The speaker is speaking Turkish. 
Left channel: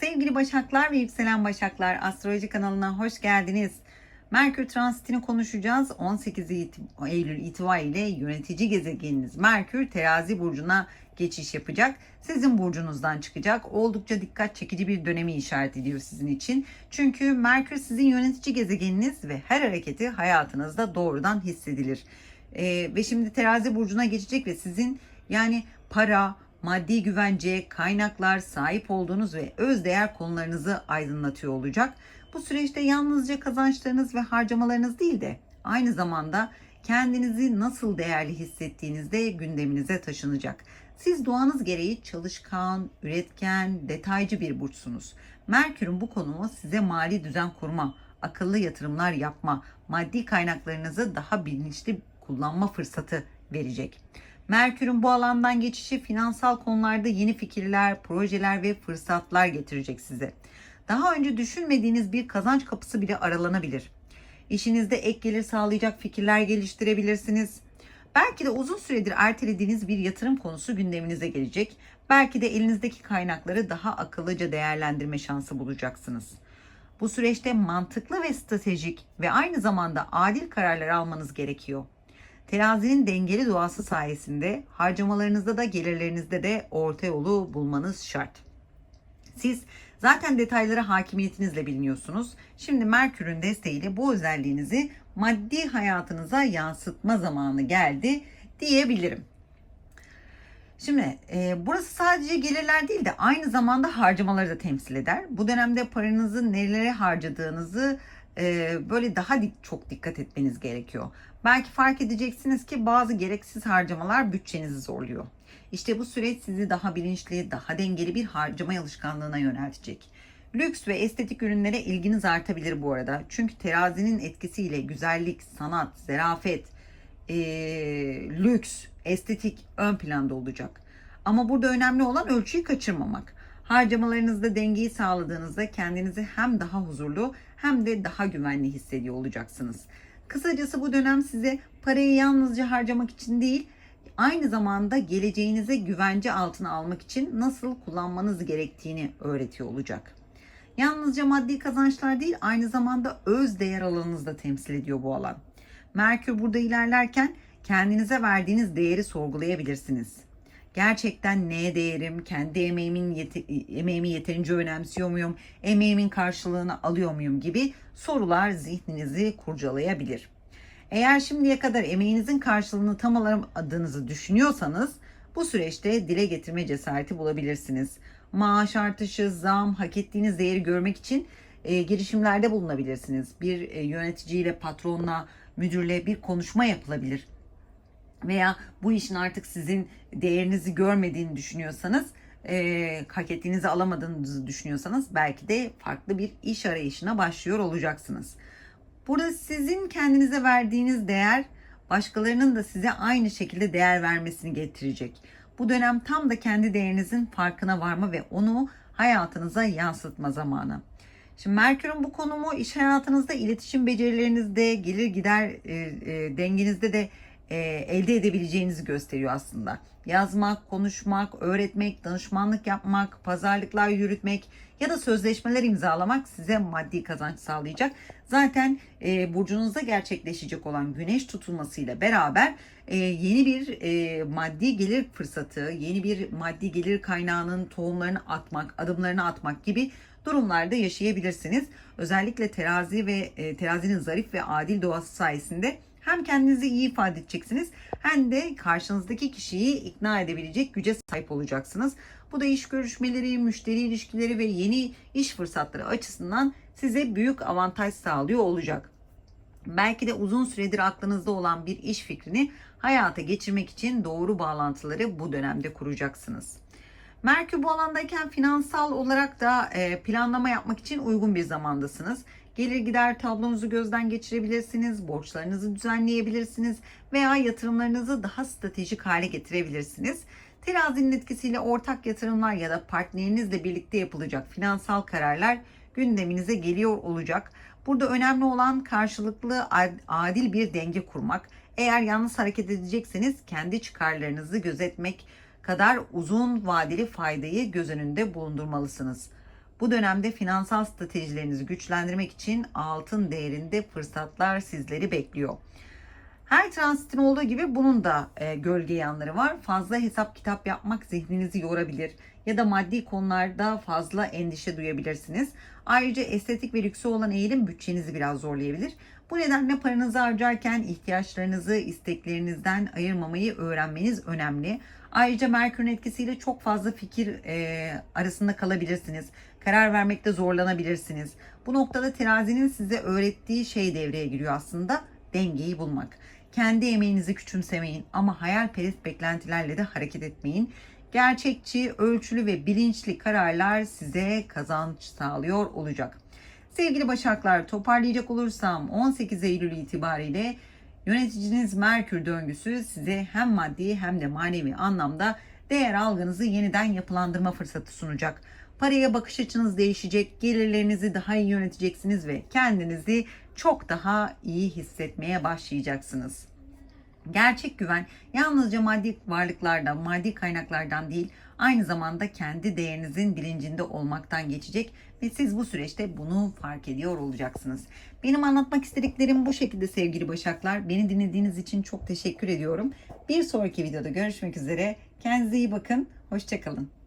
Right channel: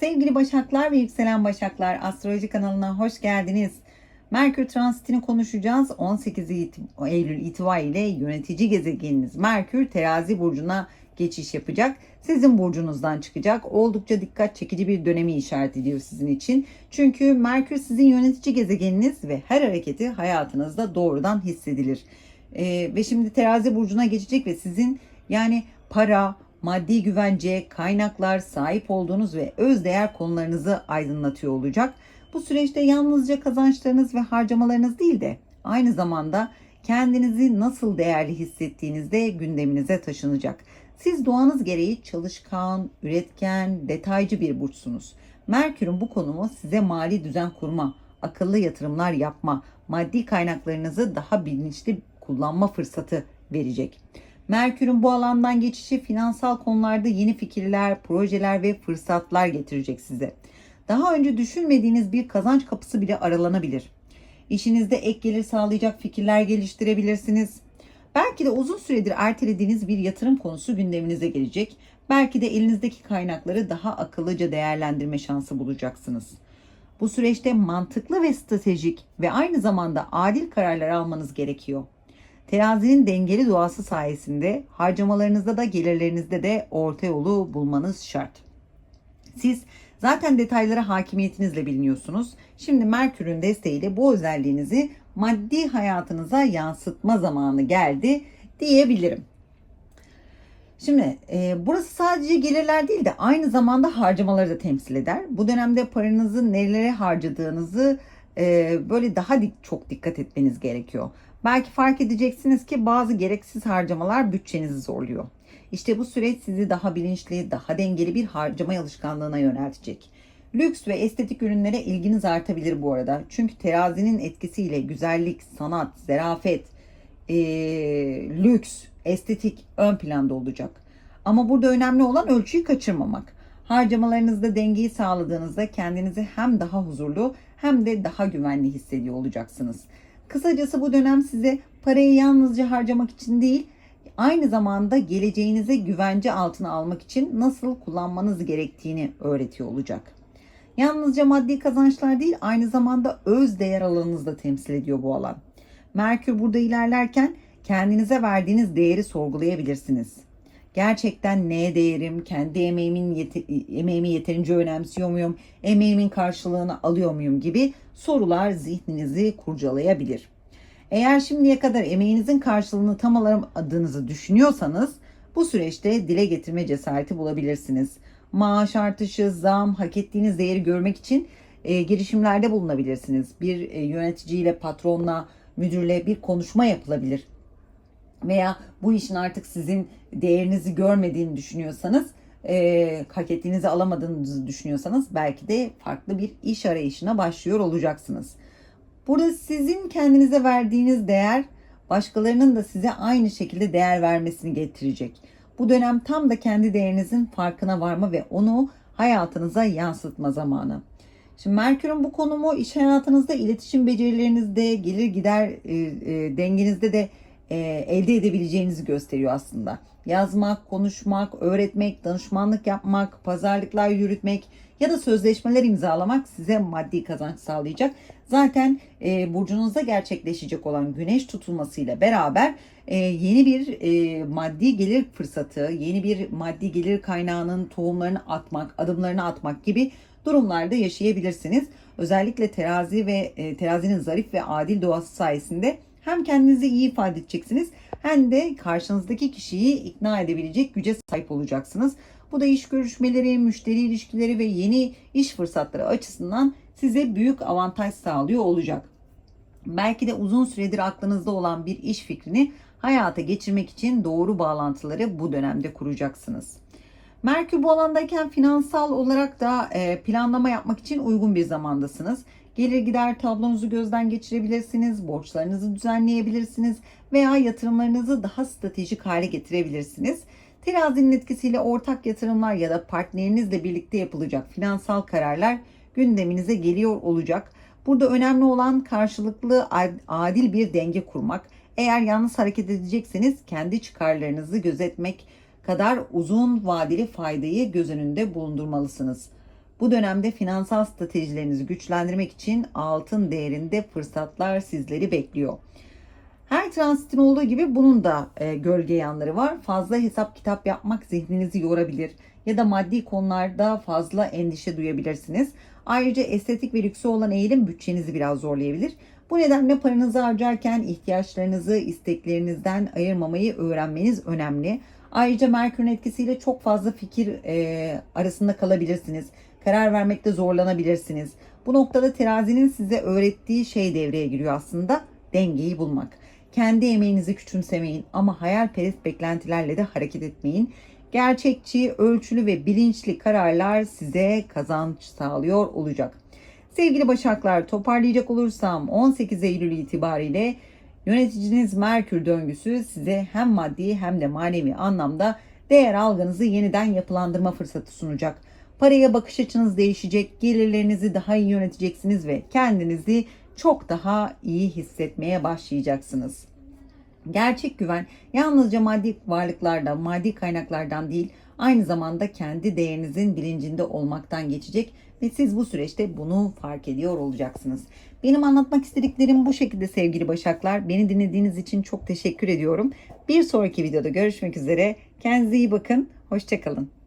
Sevgili Başaklar ve Yükselen Başaklar Astroloji kanalına hoş geldiniz. Merkür transitini konuşacağız. 18 it- Eylül itibariyle yönetici gezegeniniz Merkür terazi burcuna geçiş yapacak. Sizin burcunuzdan çıkacak. Oldukça dikkat çekici bir dönemi işaret ediyor sizin için. Çünkü Merkür sizin yönetici gezegeniniz ve her hareketi hayatınızda doğrudan hissedilir. Ee, ve şimdi terazi burcuna geçecek ve sizin yani para, maddi güvence, kaynaklar, sahip olduğunuz ve öz değer konularınızı aydınlatıyor olacak. Bu süreçte yalnızca kazançlarınız ve harcamalarınız değil de aynı zamanda kendinizi nasıl değerli hissettiğiniz de gündeminize taşınacak. Siz doğanız gereği çalışkan, üretken, detaycı bir burçsunuz. Merkür'ün bu konumu size mali düzen kurma, akıllı yatırımlar yapma, maddi kaynaklarınızı daha bilinçli kullanma fırsatı verecek. Merkür'ün bu alandan geçişi finansal konularda yeni fikirler, projeler ve fırsatlar getirecek size. Daha önce düşünmediğiniz bir kazanç kapısı bile aralanabilir. İşinizde ek gelir sağlayacak fikirler geliştirebilirsiniz. Belki de uzun süredir ertelediğiniz bir yatırım konusu gündeminize gelecek. Belki de elinizdeki kaynakları daha akıllıca değerlendirme şansı bulacaksınız. Bu süreçte mantıklı ve stratejik ve aynı zamanda adil kararlar almanız gerekiyor. Terazinin dengeli doğası sayesinde harcamalarınızda da gelirlerinizde de orta yolu bulmanız şart. Siz zaten detaylara hakimiyetinizle biliniyorsunuz. Şimdi Merkür'ün desteğiyle bu özelliğinizi maddi hayatınıza yansıtma zamanı geldi diyebilirim. Şimdi e, burası sadece gelirler değil de aynı zamanda harcamaları da temsil eder. Bu dönemde paranızı nelere harcadığınızı e, böyle daha çok dikkat etmeniz gerekiyor. Belki fark edeceksiniz ki bazı gereksiz harcamalar bütçenizi zorluyor. İşte bu süreç sizi daha bilinçli, daha dengeli bir harcama alışkanlığına yöneltecek. Lüks ve estetik ürünlere ilginiz artabilir bu arada. Çünkü terazinin etkisiyle güzellik, sanat, zerafet, e, lüks, estetik ön planda olacak. Ama burada önemli olan ölçüyü kaçırmamak. Harcamalarınızda dengeyi sağladığınızda kendinizi hem daha huzurlu hem de daha güvenli hissediyor olacaksınız. Kısacası bu dönem size parayı yalnızca harcamak için değil, aynı zamanda geleceğinize güvence altına almak için nasıl kullanmanız gerektiğini öğretiyor olacak. Yalnızca maddi kazançlar değil, aynı zamanda öz değer alanınızı da temsil ediyor bu alan. Merkür burada ilerlerken kendinize verdiğiniz değeri sorgulayabilirsiniz. Gerçekten neye değerim, kendi emeğimin yete- emeğimi yeterince önemsiyor muyum, emeğimin karşılığını alıyor muyum gibi sorular zihninizi kurcalayabilir. Eğer şimdiye kadar emeğinizin karşılığını tam alamadığınızı düşünüyorsanız bu süreçte dile getirme cesareti bulabilirsiniz. Maaş artışı, zam, hak ettiğiniz değeri görmek için e, girişimlerde bulunabilirsiniz. Bir e, yöneticiyle, patronla, müdürle bir konuşma yapılabilir. Veya bu işin artık sizin değerinizi görmediğini düşünüyorsanız, e, hak ettiğinizi alamadığınızı düşünüyorsanız belki de farklı bir iş arayışına başlıyor olacaksınız. Burada sizin kendinize verdiğiniz değer başkalarının da size aynı şekilde değer vermesini getirecek. Bu dönem tam da kendi değerinizin farkına varma ve onu hayatınıza yansıtma zamanı. Şimdi Merkür'ün bu konumu iş hayatınızda, iletişim becerilerinizde, gelir gider e, e, dengenizde de e, elde edebileceğinizi gösteriyor aslında. Yazmak, konuşmak, öğretmek, danışmanlık yapmak, pazarlıklar yürütmek ya da sözleşmeler imzalamak size maddi kazanç sağlayacak. Zaten e, burcunuzda gerçekleşecek olan güneş tutulmasıyla beraber e, yeni bir e, maddi gelir fırsatı, yeni bir maddi gelir kaynağının tohumlarını atmak, adımlarını atmak gibi durumlarda yaşayabilirsiniz. Özellikle terazi ve e, terazinin zarif ve adil doğası sayesinde hem kendinizi iyi ifade edeceksiniz hem de karşınızdaki kişiyi ikna edebilecek güce sahip olacaksınız. Bu da iş görüşmeleri, müşteri ilişkileri ve yeni iş fırsatları açısından size büyük avantaj sağlıyor olacak. Belki de uzun süredir aklınızda olan bir iş fikrini hayata geçirmek için doğru bağlantıları bu dönemde kuracaksınız. Merkür bu alandayken finansal olarak da e, planlama yapmak için uygun bir zamandasınız. Gelir gider tablonuzu gözden geçirebilirsiniz, borçlarınızı düzenleyebilirsiniz veya yatırımlarınızı daha stratejik hale getirebilirsiniz. Terazinin etkisiyle ortak yatırımlar ya da partnerinizle birlikte yapılacak finansal kararlar gündeminize geliyor olacak. Burada önemli olan karşılıklı adil bir denge kurmak. Eğer yalnız hareket edecekseniz kendi çıkarlarınızı gözetmek kadar uzun vadeli faydayı göz önünde bulundurmalısınız. Bu dönemde finansal stratejilerinizi güçlendirmek için altın değerinde fırsatlar sizleri bekliyor. Her transitin olduğu gibi bunun da e, gölge yanları var. Fazla hesap kitap yapmak zihninizi yorabilir ya da maddi konularda fazla endişe duyabilirsiniz. Ayrıca estetik ve lükse olan eğilim bütçenizi biraz zorlayabilir. Bu nedenle paranızı harcarken ihtiyaçlarınızı isteklerinizden ayırmamayı öğrenmeniz önemli. Ayrıca Merkür'ün etkisiyle çok fazla fikir e, arasında kalabilirsiniz. Karar vermekte zorlanabilirsiniz. Bu noktada terazinin size öğrettiği şey devreye giriyor aslında dengeyi bulmak. Kendi emeğinizi küçümsemeyin ama hayalperest beklentilerle de hareket etmeyin. Gerçekçi, ölçülü ve bilinçli kararlar size kazanç sağlıyor olacak. Sevgili Başaklar toparlayacak olursam 18 Eylül itibariyle yöneticiniz Merkür döngüsü size hem maddi hem de manevi anlamda değer algınızı yeniden yapılandırma fırsatı sunacak. Paraya bakış açınız değişecek, gelirlerinizi daha iyi yöneteceksiniz ve kendinizi çok daha iyi hissetmeye başlayacaksınız. Gerçek güven yalnızca maddi varlıklardan, maddi kaynaklardan değil, aynı zamanda kendi değerinizin bilincinde olmaktan geçecek ve siz bu süreçte bunu fark ediyor olacaksınız. Benim anlatmak istediklerim bu şekilde sevgili Başaklar. Beni dinlediğiniz için çok teşekkür ediyorum. Bir sonraki videoda görüşmek üzere. Kendinize iyi bakın. Hoşçakalın.